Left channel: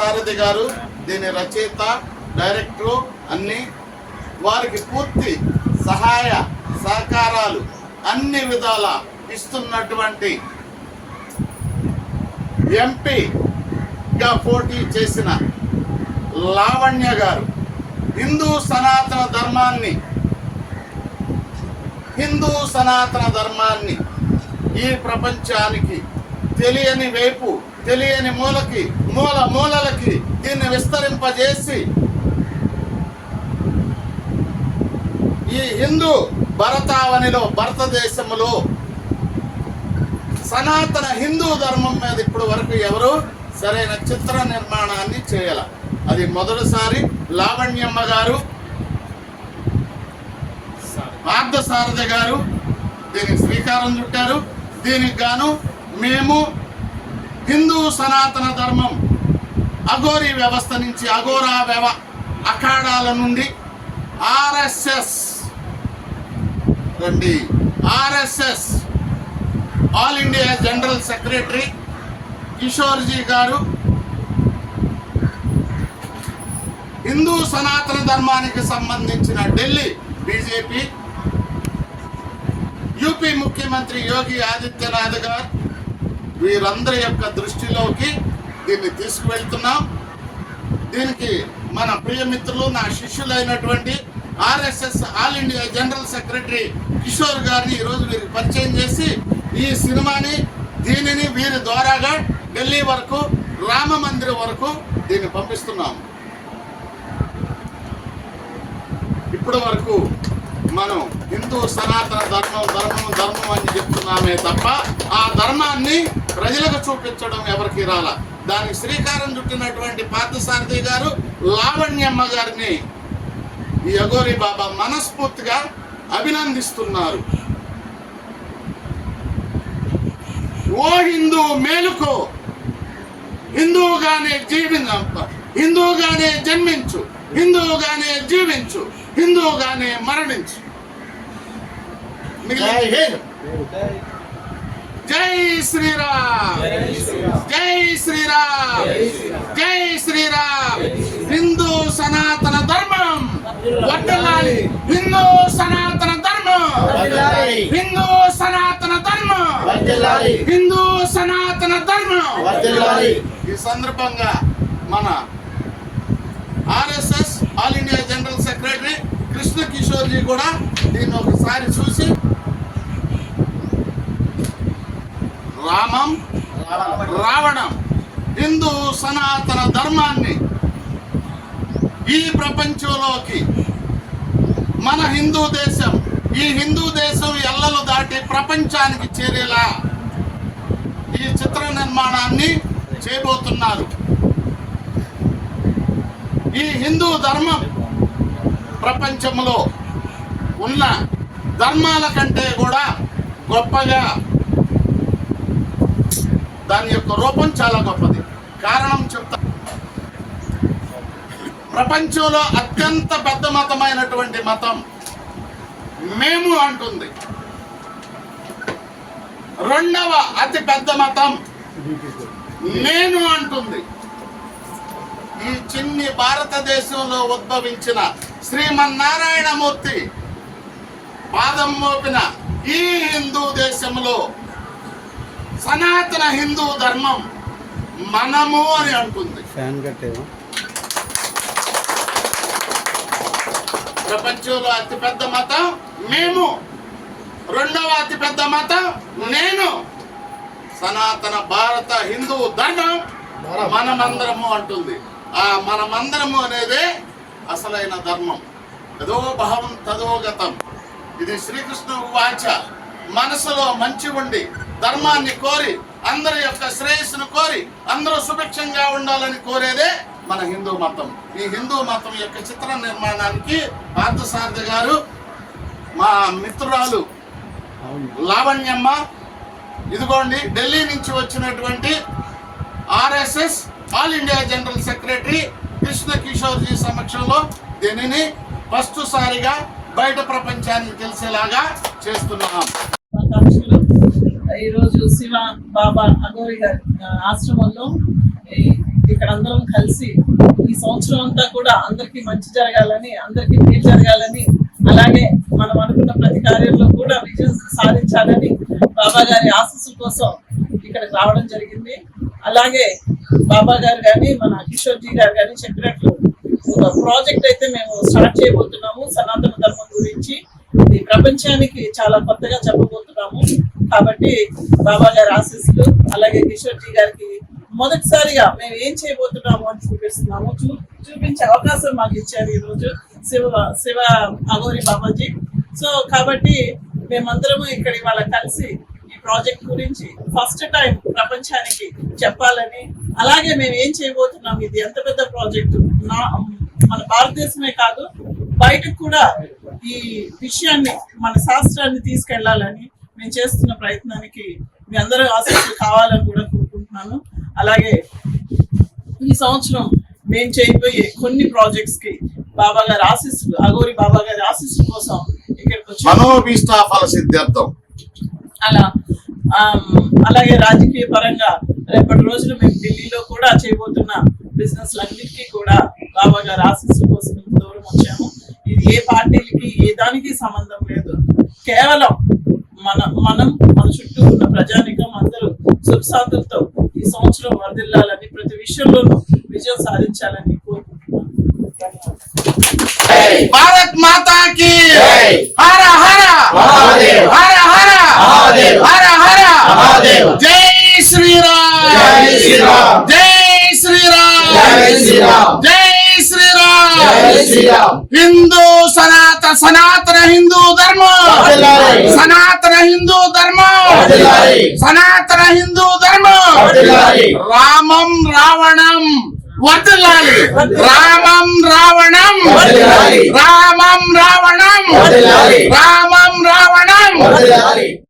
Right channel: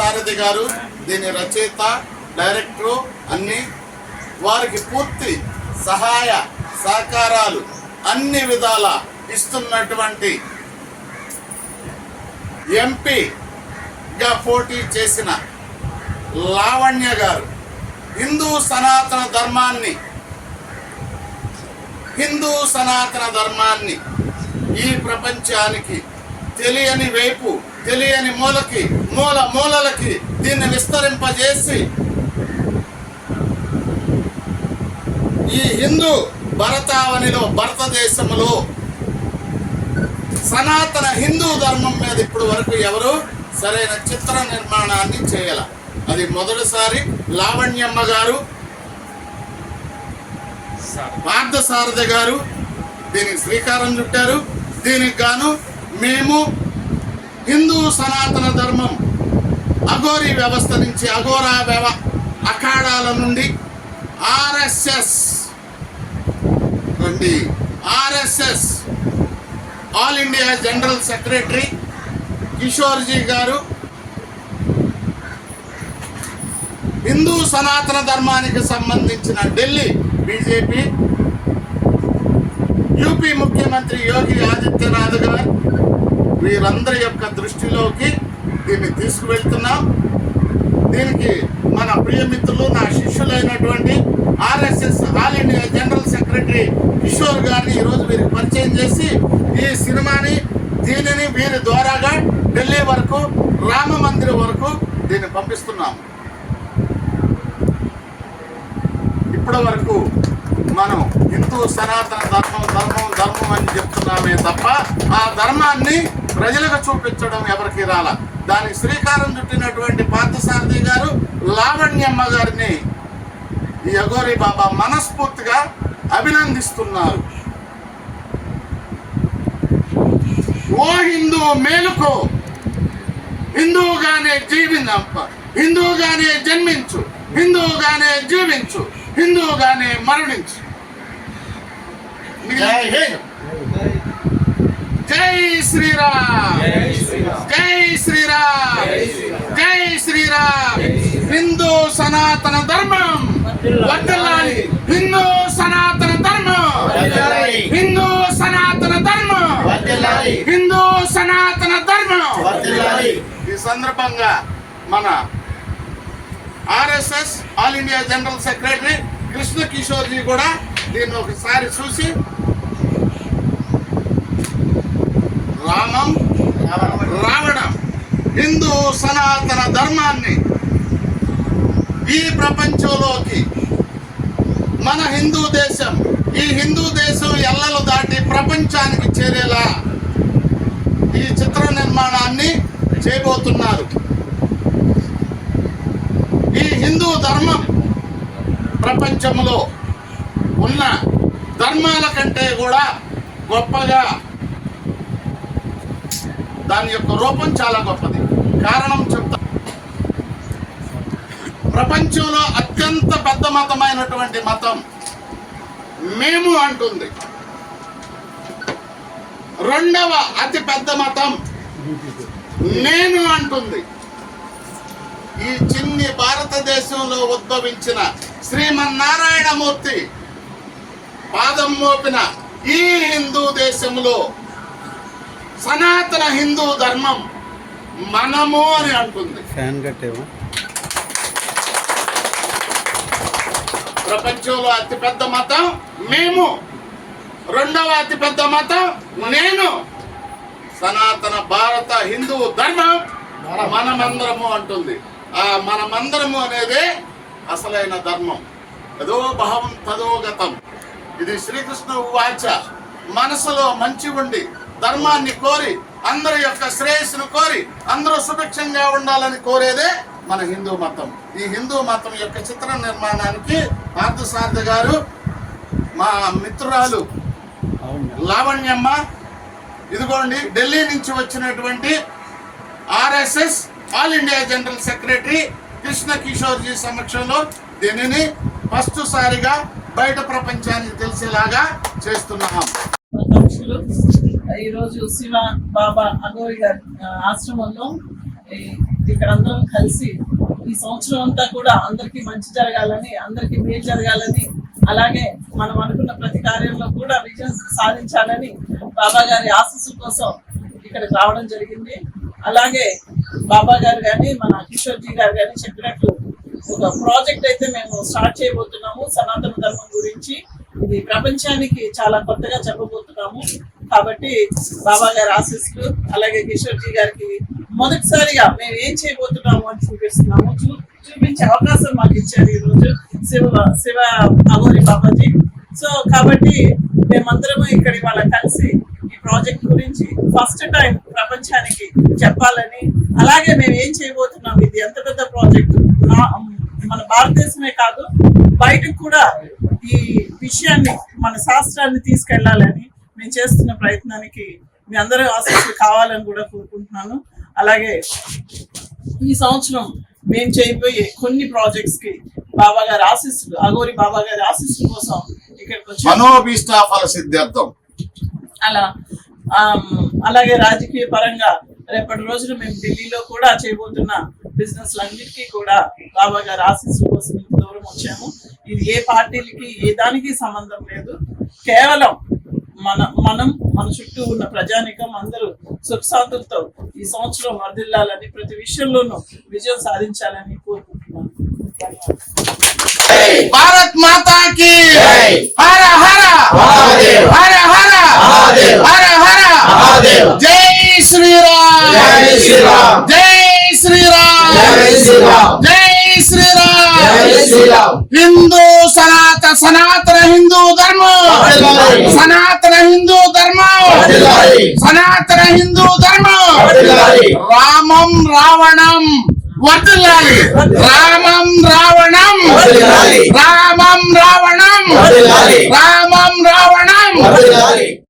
పార్థసారథి గారు దీని రచయిత డైరెక్టరు అన్ని వారికి పూర్తి సహాయ సహకారాలు అన్ని విధాల ఇస్తున్నటువంటి ఎంపీగా పోటీ చేసిన లావణ్య గారు హిందూ సనాతన ధర్మాన్ని హిందూ సనాతన ధర్మాన్ని ఈ ప్రపంచానికి తెలియని వైపు తెలియని మూలకి మూల మూలలకి దీన్ని విస్తరింపజేసి ఈ హిందూ భరతావనిలో భారతదేశంలో సనాతన హిందూ ధర్మం మీద ఇప్పుడు వరకు ఎవరు సరైన చిత్ర నిర్మాణాన్ని చేయాల. అది మొదటిసారి లావణ్యమ్మ గారు పార్థసారథి గారు దీనికి శ్రీకారం చుట్టారు. దీనికి గాను మేము హిందూ సనాతన ధర్మం అఘోరీ వ్యవస్థ నుంచి అఘోరా వ్యవ అఖాడాల నుండి ఆర్ఎస్ఎస్ రండి. RSS all India general secretary Kishorji గారు హిందూ సనాతన ధర్మానికి సంబంధించిన ఢిల్లీ బీజేపీ యూపీ ముఖ్యమంత్రి యోగి ఆదిత్యనాథ్ గారు వీరందరి యొక్క దృష్టిలోకి దీన్ని తీసుకువెళ్తున్నాం. దీనికి మన ప్రియమిత్రులు నా శిష్యులైనటువంటి RSS all India general secretary Kishore గారిని ఈరోజు వీరికి పరిచయం చేసి ఈ సినిమాని దీనిని వీరి ద్వారాగా ఢిల్లీ వరకు రామ మందిరం వరకు దీన్ని పంపిస్తున్నాం. ఇప్పటి వరకు మనం హిందూ సనాతన ధర్మం ధర్మం ధర్మం అని చెప్తున్నామే తప్ప ఆ ధర్మాన్ని ప్రజలకు చూపించడం ఎవరికి రాల. దానికి శ్రీకారం చుట్టినటువంటి పార్థసారథి గారు లావణ్యమ్మ గారిని ఈ అఘోరి బాబా మనస్ఫూర్తిగా అభినందిస్తున్నారు. ఓ హిందూ మేలుకో హిందువుగానే జీవించ హిందువుగానే జన్మించు హిందువుగానే జీవించు హిందువుగానే మరణించు. మిగిలిన- జై శ్రీరామ్. జై శ్రీరామ్. జై శ్రీరామ్. హిందూ సనాతన ధర్మం. వర్ధిల్లాలి హిందూ సనాతన ధర్మం. హిందూ సనాతన ధర్మం. హిందూ సనాతన ధర్మం. ఈ సందర్భంగా మన RSS all India general secretary Krishna Kishore ji కూడా దీన్ని ఒకసారి చూసి రామం రావణం హిందూ సనాతన ధర్మాన్ని ఈ ప్రపంచంలోకి మన హిందూ దేశం ఈ హిందూ దేశం ఎల్లలు దాటి ప్రపంచానికి చేరేలా ఈ చిత్ర నిర్మాణాన్ని చేయబోతున్నారు. ఈ హిందూ ధర్మం ప్రపంచంలో ఉన్న ధర్మాల కంటే కూడా గొప్పగా దాని యొక్క రూపం చాలా గొప్పది. కారణం చెప్తా. ప్రపంచంలో అత్యంత పెద్ద మతమైనటువంటి మతం మేము అంటుంది. రెండవ అతి పెద్ద మతం నేను అంటుంది. ఈ చిన్ని భారతదేశంలో ఉద్భవించిన శ్రీమన్నారాయణమూర్తి పాదం మోపిన ఈ హిందూ దేశంలో సనాతన హిందూ ధర్మం మనము అని అంటుంది. ఫ్యాన్ కట్టేవా? ప్రపంచంలో అతిపెద్ద మతం మేము. రెండవ అతిపెద్ద మతం నేను. సనాతన భారత హిందూ ధర్మం మనమందరము అంటుంది. ఆ మనమందరము అనేదే అసలైన ధర్మం. అదో భావం తదో గతం. ఇది శ్రీకృష్ణ వాచ మనసులో మంచి ఉండి ధర్మాన్ని కోరి అందరి యొక్క శ్రేయస్సును కోరి అందరూ సుభిక్షంగా ఉండాలని కోరేదే మన హిందూ మతం. ఈ హిందూ మతం యొక్క చిత్ర నిర్మాణానికి పార్థసారథి గారు మా మిత్రురాలు లావణ్యమ్మ ఇదిగోండి ఢిల్లీ నుంచి వచ్చినటువంటి RSS all India general secretary Krishna Kishorji సమక్షంలో దీనిని ఫస్ట్ సారిగా బయట ప్రపంచానికి తెలిసేలాగా చేస్తున్నాం. ఈరోజు శివ బాబా అగోరి గారి ఆశ్రమంలో ఇక్కడ అందరం కలిసి ఈ సంవత్సరం అంతా కూడా అందరికీ మంచి జరగాలని అందరికీ మేలు జరగాలని అలాగే మనం అనుకున్న ప్రతి కార్యంలో కూడా విజయం సాధించాలని బాబా గారి ఆశస్సు కోసం ఇక్కడికి రావడం జరిగింది. అలాగే బాబా గారు కానీ మన కిషోర్ జీ గారు కానీ చెప్పినట్లు ఒక ప్రాజెక్ట్ అయితే మేము స్టార్ట్ చేయబోతున్నాము సనాతన ధర్మం గురించి. ప్రపంచానికి చాలా కొత్తగా చెప్పబోతున్నాము. కాబట్టి బాబా గారి ఆశీస్సులు అలాగే కిషోర్ జీ గారికి మొదటిసారిగా మేము ఏం చేయబోతున్నాము అని చూపిస్తున్నాము. చూ చూపించే అవకాశం మాకు ఇచ్చారు ఈ రోజు శివ శివ అగోరి బాబాజీ. సో కాబట్టి మేమందరము ఇక్కడ ఇవాళ కలిసి ఈ ప్రాజెక్ట్ గురించి ఫస్ట్ టైం ప్రపంచానికి చెప్పాలని అలాగే మేము ఏం చేయబోతున్నాం ఇది ఎంత పెద్ద ప్రాజెక్టు? మన భారతదేశమే కాదు బయటకు కూడా ఈ విషయాన్ని మన శాస్త్రాన్ని తీసుకెళ్ళాలని మేము చేస్తున్న ప్రయత్నానికి మీ అందరూ ఆసక్తి కావాలని కూడా కోరుకుంటున్నాను. అలాగే ఈ సంవత్సరం మేము చేయబోయే కొన్ని ప్రాజెక్ట్స్కి బాబా గారి ఆశీస్సులు అగోరి బాబా గారి ఆశీస్సుల కోసం ఇక్కడికి వచ్చి. సిద్ధార్థం. అలా అలాగే రాజకీయ పరంగా రేపటి రోజున మేము ఢిల్లీలో కూడా చేయబోతున్న బిజినెస్ అన్నిటికీ కూడా బాబా గారి ఆశీస్సుల కోసం దూరం వచ్చాము. ఇది ఏ పార్టీలకి ఏ దానికి సంబంధం లేదు. కేవలం మన మనం మన చుట్టూ ఉన్న ప్రజానికం అందరూ సుఖశాంతులతో ఈ సంవత్సరం వర్దిల్లాలని ప్రతి విషయంలోనూ విజయం సాధించాలని కోరుకుంటున్నాను భారత్ మాతా కి జై. హర హర మహాదేవ్. హర హర మహాదేవ్. హర హర మహాదేవ్. జై శ్రీరామ్ జై శ్రీరామ్. జై శ్రీరామ్ జై శ్రీరామ్. జై శ్రీరామ్ జై శ్రీరామ్. హిందూ సనాత సనాతన హిందూ ధర్మం. సనాతన హిందూ ధర్మం. సనాతన హిందూ ధర్మం. రామం రావణం వర్దిల్లాలి రామం రావణం. రామం రావణం. రామం రావణం.